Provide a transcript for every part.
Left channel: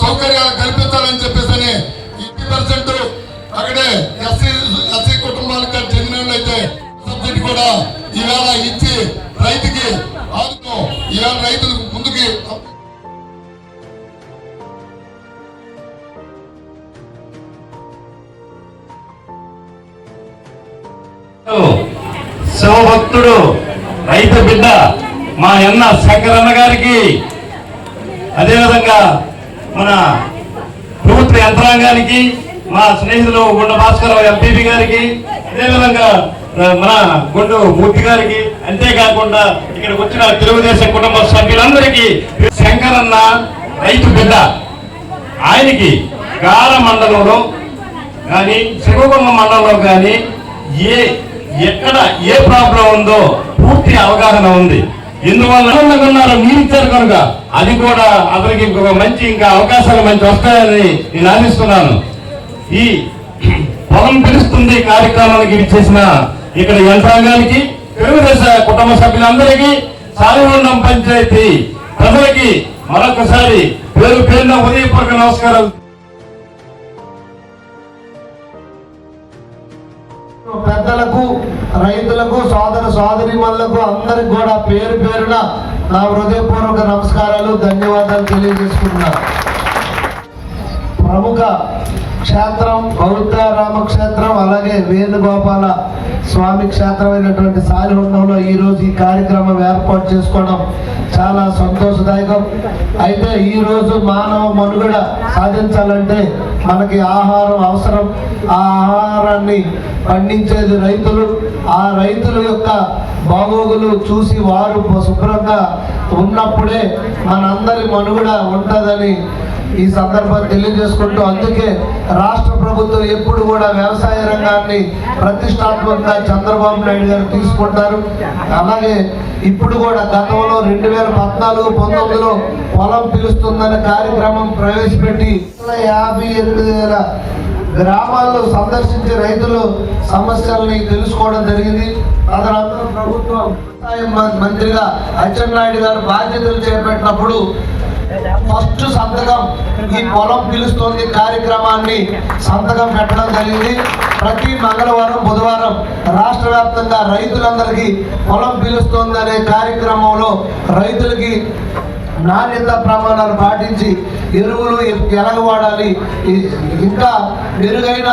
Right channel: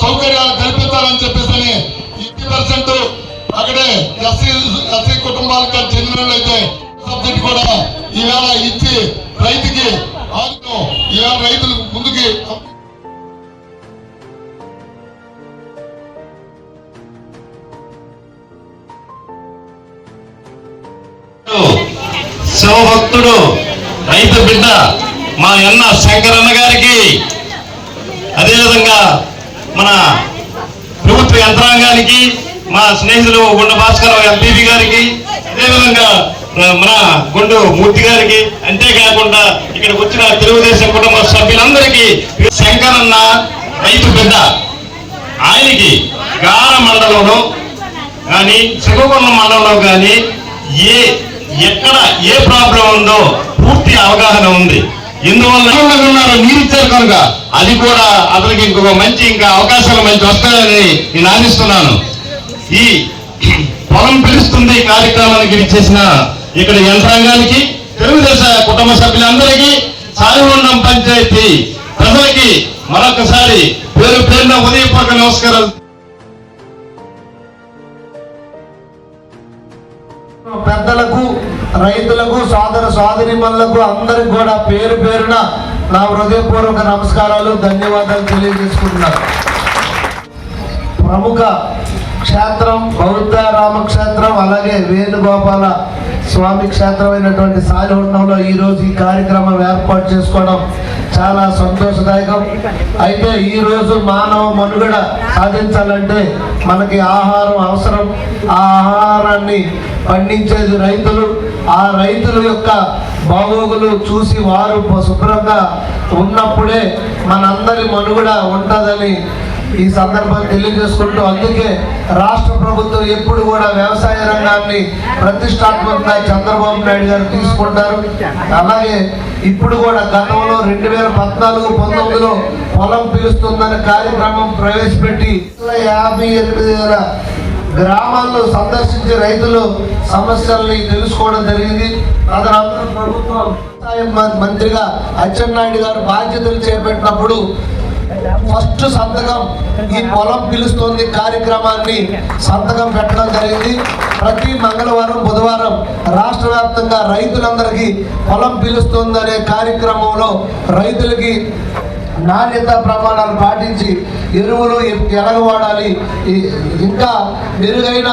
సౌకర్యాలు కల్పించాలని చెప్పేసి 50% అక్కడే ఎస్సీ కుటుంబాలకు చెందిన అయితే సబ్సిడీ కూడా ఇవాళ ఇచ్చి రైతుకి ఇవాళ రైతులు ముందుకి శివభక్తుడు రైతు బిడ్డ మా అన్న శంకరన్న గారికి, అదేవిధంగా మన ప్రభుత్వ యంత్రాంగానికి, మా స్నేహితులు గుండ భాస్కర్ ఎంపీపీ గారికి, అదేవిధంగా మన గుండు మూర్తి గారికి, అంతేకాకుండా ఇక్కడికి వచ్చిన తెలుగుదేశం కుటుంబ సభ్యులందరికీ శంకరన్న రైతు బిడ్డ. ఆయనకి గార మండలంలో కానీ శ్రీకాకుళం మండలంలో కానీ ఎక్కడ ఏ ప్రాబ్లం ఉందో పూర్తి అవగాహన ఉంది. ఇందువల్ల ఉన్నారు నీరు ఇచ్చారు కనుక అది కూడా అతనికి ఇంకొక మంచి అవకాశాలు మంచి వస్తాయని నేను ఆశిస్తున్నాను. ఈ పొలం పిలుస్తుంది కార్యక్రమానికి ఇచ్చేసిన ఇక్కడ యంత్రాంగానికి, తెలుగుదేశ కుటుంబ సభ్యులందరికీ, సాలిమండం పంచాయతీ ప్రజలకి మరొకసారి పేరు పేరున ఉదయపూర్వక నమస్కారాలు. పెద్దలకు, రైతులకు, సోదరీమణులకు అందరికి కూడా పేరు పేరున నా హృదయపూర్వక నమస్కారాలు, ధన్యవాదాలు తెలియజేసుకుంటున్నాను. ప్రముఖ క్షేత్రం బౌద్ధ రామక్షేత్రం, అలాగే వేణుగోపాల స్వామి క్షేత్రమైనటువంటి సాలిహొండంలో ఈరోజు ఈ కార్యక్రమం ఏర్పాటు చేసుకోవడం చాలా సంతోషదాయకం. అయితే ఈరోజు మానవ మనుగడ సాధించాలంటే మనకి ఆహారం అవసరం. ఆ ఆహారాన్ని పండించేది రైతులు. ఆ రైతుల యొక్క బాగోగులు చూసి వారు శుభ్రంగా ఉన్నప్పుడే మనందరి మనుగడ ఉంటుందని ఈ సందర్భం తెలియజేసుకుంటూ, అందుకే రాష్ట్ర ప్రభుత్వం ఎప్పుడు కూడా వ్యవసాయ రంగాన్ని ప్రతిష్టాత్మకంగా చంద్రబాబు నాయుడు గారు తీసుకుంటారు. అలాగే ఇప్పుడు కూడా గతంలో 2014-19లో పొలం పిలుస్తుందనే కార్యక్రమం ప్రవేశపెట్టి 58,000 గ్రామాల్లో సందర్శించి రైతులు సమస్యల్ని తెలుసుకోవడం జరిగింది. తదనంతరం ప్రభుత్వం వ్యవసాయ మంత్రిగా అచ్చెన్నాయుడు గారు బాధ్యతలు చేపట్టినప్పుడు ఫస్ట్ సంతకం ఈ పొలం పిలుస్తోంది కార్యక్రమాన్ని సంతకం పెట్టడం జరిగింది. ప్రతి మంగళవారం, బుధవారం రాష్ట్ర వ్యాప్తంగా రైతులందరికీ పొలం పిలుస్తోంది అనే కార్యక్రమంలో రైతులకి నాణ్యత ప్రమాణాలు పాటించి ఎరువులు ఎలాగ వాడాలి, ఇంకా మెరుగైన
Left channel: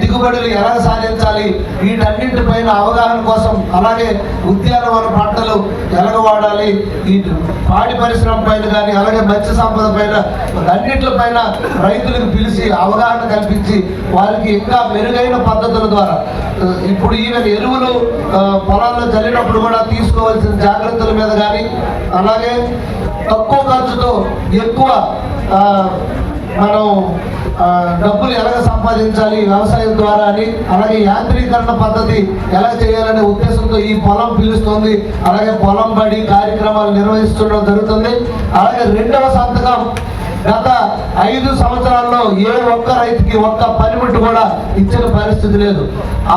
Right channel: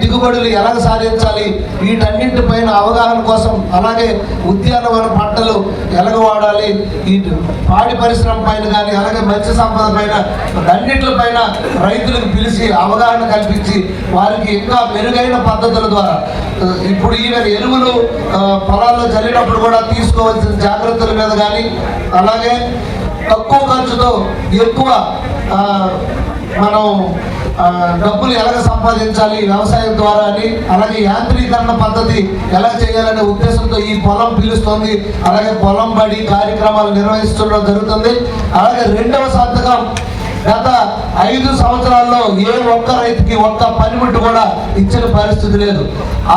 దిగుబడులు ఎలాగ సాధించాలి, వీటన్నింటిపైన అవగాహన కోసం, అలాగే ఉద్యానవన పంటలు ఎలాగ వాడాలి, ఈ పాడి పరిశ్రమ పైన కానీ, అలాగే మత్స్య సంపద పైన, అన్నింటిపైన రైతులకు పిలిచి అవగాహన కల్పించి వారికి ఇంకా మెరుగైన పద్ధతుల ద్వారా ఇప్పుడు ఈవెన్ ఎరువులు పొలాల్లో చల్లినప్పుడు కూడా తీసుకోవాల్సిన జాగ్రత్తల మీద కానీ, అలాగే తక్కువ ఖర్చుతో ఎక్కువ మనం డబ్బులు ఎలా సంపాదించాలి వ్యవసాయం ద్వారా అని, అలాగే యాంత్రీకరణ పద్ధతి ఎలా చేయాలనే ఉద్దేశంతో ఈ పొలం పిలుస్తుంది. అలాగే పొలం బడి కార్యక్రమాలు నిర్వహించడం జరుగుతుంది. అలాగే రెండవ సంతకం గత 5 సంవత్సరాల్లో ఏ ఒక్క రైతుకి ఒక్క పనిముట్టు కూడా ఇచ్చిన పరిస్థితి లేదు.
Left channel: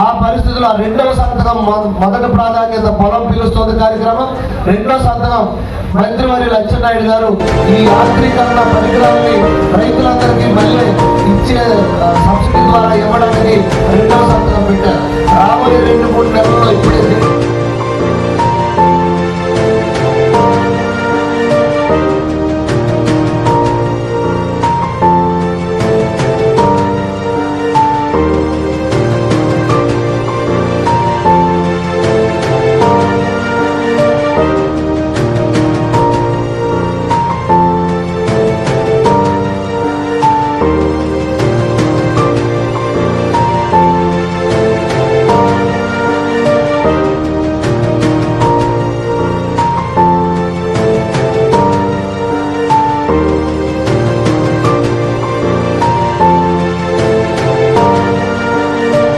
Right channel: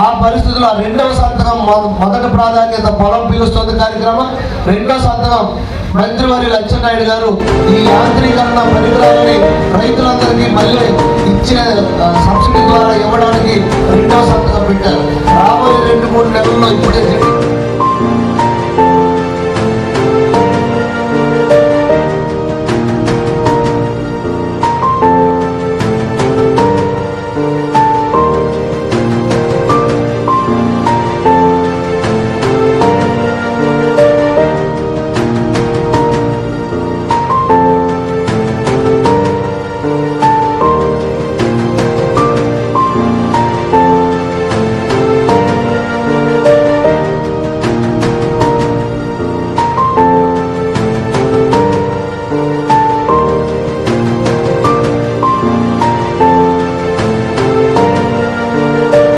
ఆ పరిస్థితుల్లో రెండవ సంతకం మొదటి ప్రాధాన్యత పొలం పిలుస్తుంది కార్యక్రమం. రెండవ సంతకం మంత్రివర్యులు అచ్చెన్నాయుడు గారు ఈ యాంత్రీకరణ పరికరాన్ని రైతులందరికీ మళ్ళీ ఇచ్చే సబ్సిడీ ద్వారా ఇవ్వడానికి రెండవ సంతకం పెట్టారు. రాబోయే 2-3 నెలల్లో ఇప్పటికే